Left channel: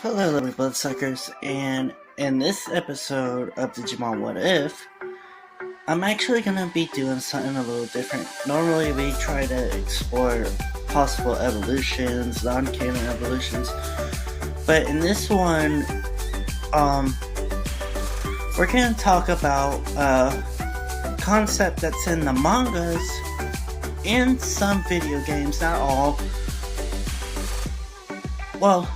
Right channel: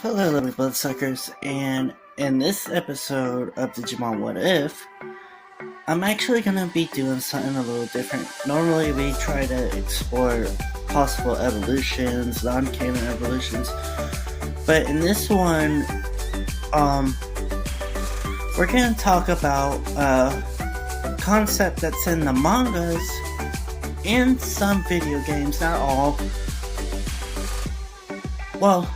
Hello, little bloodsuckers, and in this episode of Digimon What If, I'm actually gonna be doing something a little different. Normally, we try to explore possible evolutions, non-canon evolutions, but in this one, we're gonna talk about a concept that's in the mangas and some video games, not all. Well,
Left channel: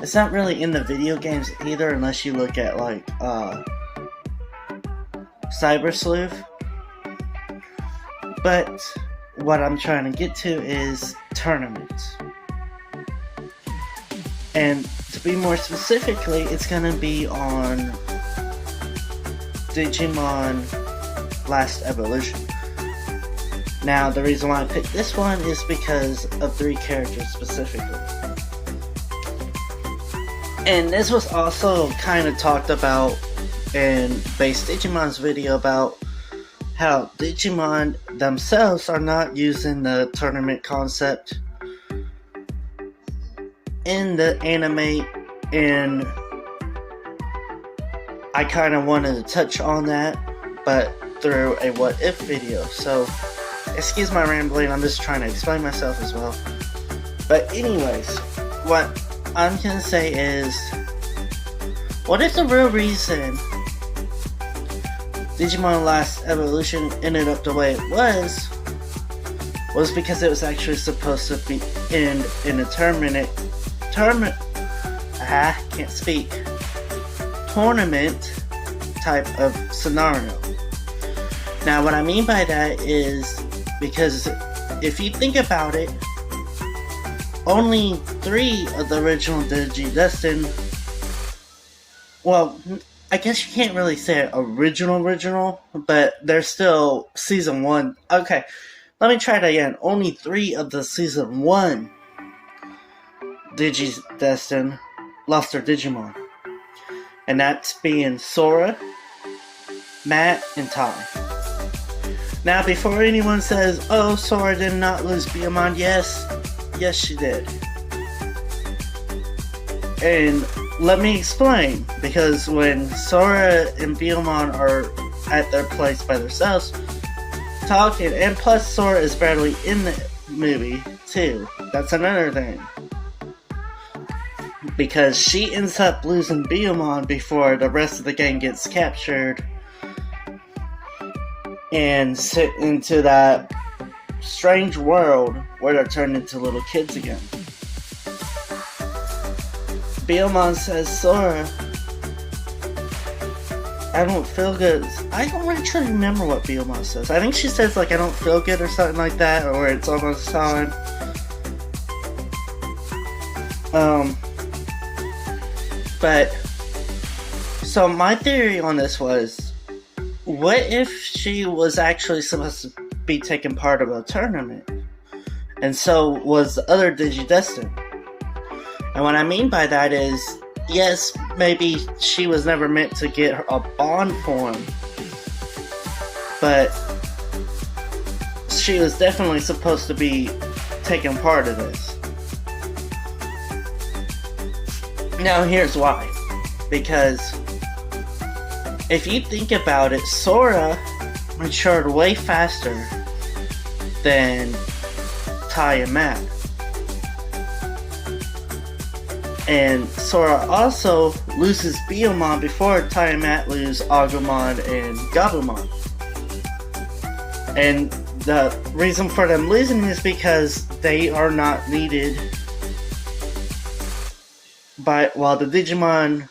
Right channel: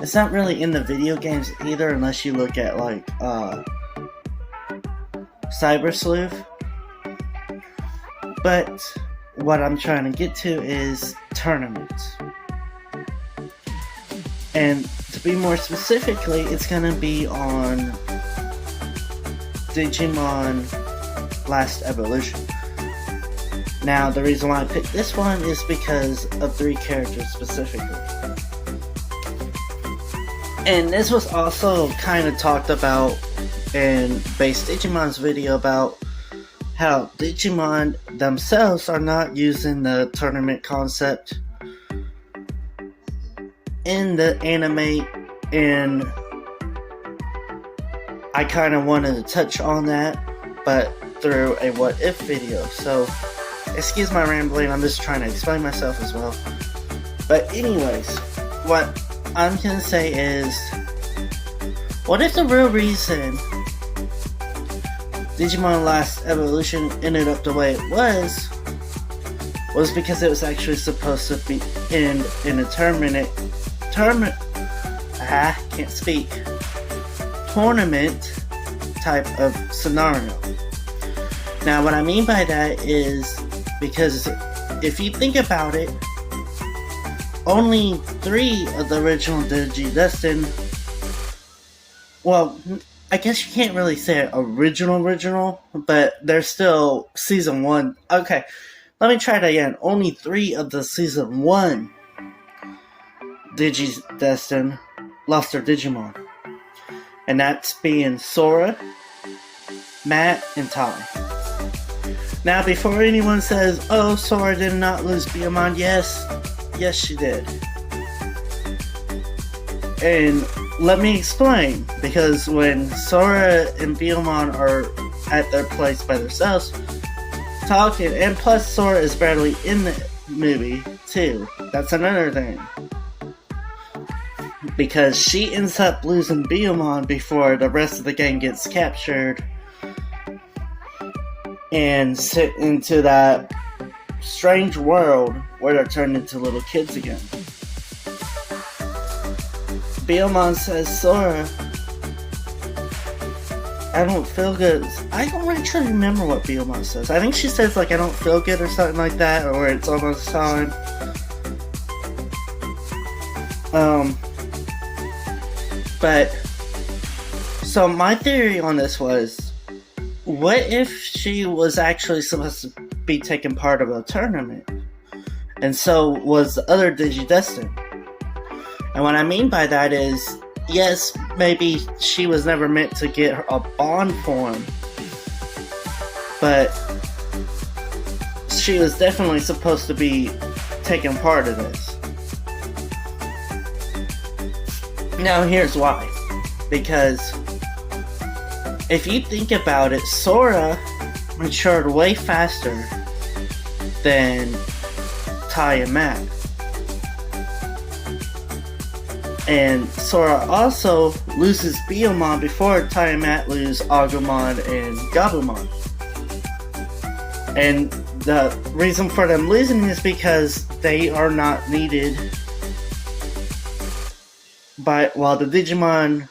it's not really in the video games either, unless you look at, like, Cyber Sleuth. But what I'm trying to get to is tournaments. And to be more specifically, it's going to be on Digimon Last Evolution. Now, the reason why I picked this one is because of 3 characters specifically. And this was also kind of talked about in Base Digimon's video about how Digimon themselves are not using the tournament concept in the anime, and I kind of wanted to touch on that, but through a what if video. So, excuse my rambling, I'm just trying to explain myself as well. But anyways, what I'm gonna say is, what if the real reason Digimon Last Evolution ended up the way it was because it was actually supposed to be in a tournament type of scenario. Now, what I mean by that is, because if you think about it, only 3 of the original Digidestined, well, I guess you can't really say original, but they're still Season 1. Okay, let me try that again. Only 3 of the Season 1 Digidestined lost their Digimon. And that's being Sora, Matt, and Tai. Now, before anyone says, oh, Sora did not lose Digimon, yes, she did. And let me explain, because when Sora and Digimon are at their place by themselves, talking, and plus Sora is barely in the movie, too. That's another thing. Because she ends up losing Digimon before the rest of the game gets captured and sent into that strange world where they're turned into little kids again. Digimon says, Sora, I don't feel good. I don't actually remember what Digimon says. I think she says, like, I don't feel good or something like that, or it's almost time. But, so my theory on this was, what if she was actually supposed to be taking part of a tournament, and so was the other Digidestined? And what I mean by that is, yes, maybe she was never meant to get a bond form, but she was definitely supposed to be taking part of this. Now, here's why. Because if you think about it, Sora matured way faster than Tai and Matt. And Sora also loses Digimon before Tai and Matt lose Agumon and Gabumon. And the reason for them losing is because they are not needed while the Digimon...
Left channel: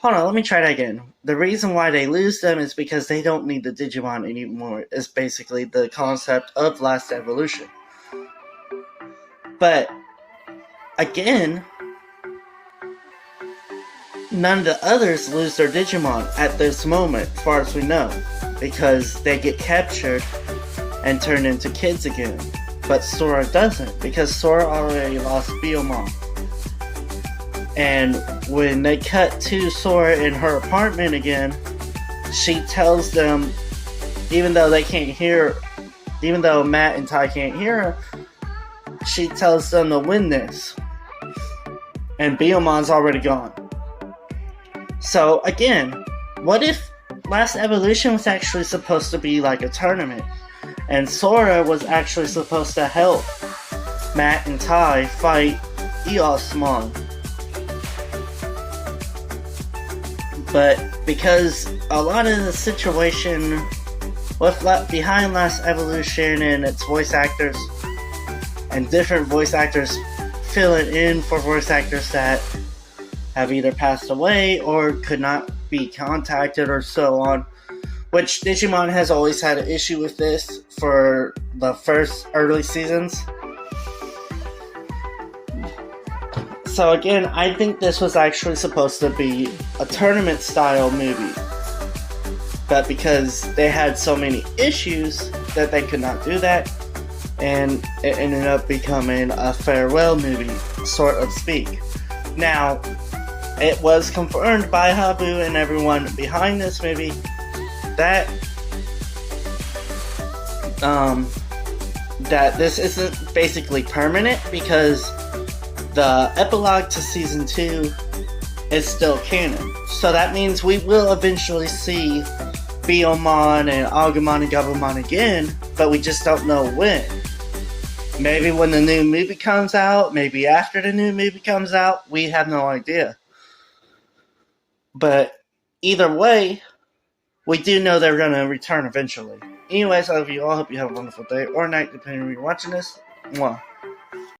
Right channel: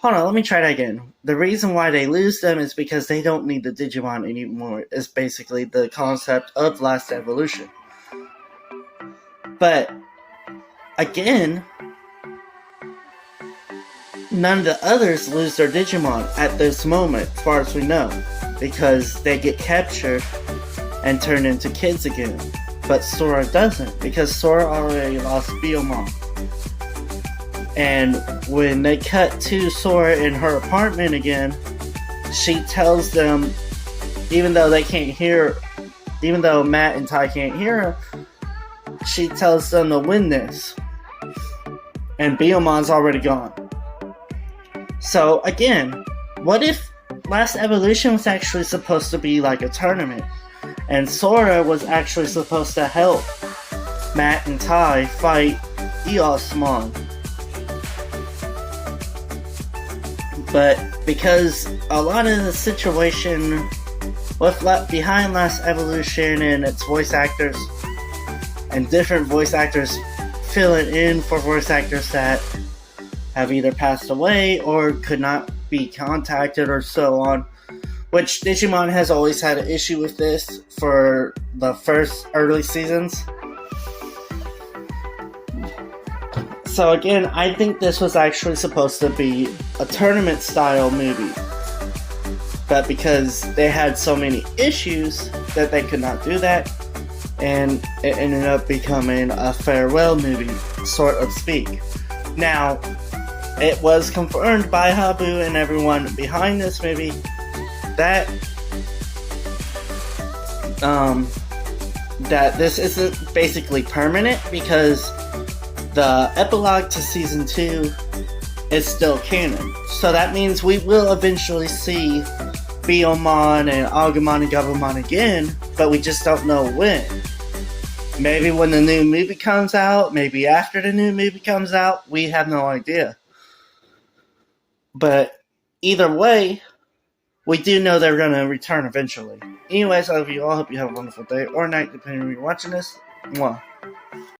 Hold on, let me try that again. The reason why they lose them is because they don't need the Digimon anymore, is basically the concept of Last Evolution. But, again, none of the others lose their Digimon at this moment, as far as we know, because they get captured and turned into kids again. But Sora doesn't, because Sora already lost Digimon. And when they cut to Sora in her apartment again, she tells them, even though Matt and Tai can't hear her, she tells them to win this. and Biomon's already gone. So again, what if Last Evolution was actually supposed to be like a tournament, and Sora was actually supposed to help Matt and Ty fight Eosmon? But because a lot of the situation with behind Last Evolution and its voice actors and different voice actors filling in for voice actors that have either passed away or could not be contacted or so on, which Digimon has always had an issue with this for the first early seasons. So again, I think this was actually supposed to be a tournament style movie, but because they had so many issues that they could not do that, and it ended up becoming a farewell movie, sort of speak. Now, it was confirmed by Habu and everyone behind this movie that that this isn't basically permanent, because the epilogue to season 2 is still canon. So that means we will eventually see Biyomon and Agumon and Gabumon again, but we just don't know when. Maybe when the new movie comes out, maybe after the new movie comes out, we have no idea. But either way, we do know they're going to return eventually. Anyways, I love you all. Hope you have a wonderful day or night, depending on when you're watching this. Mwah.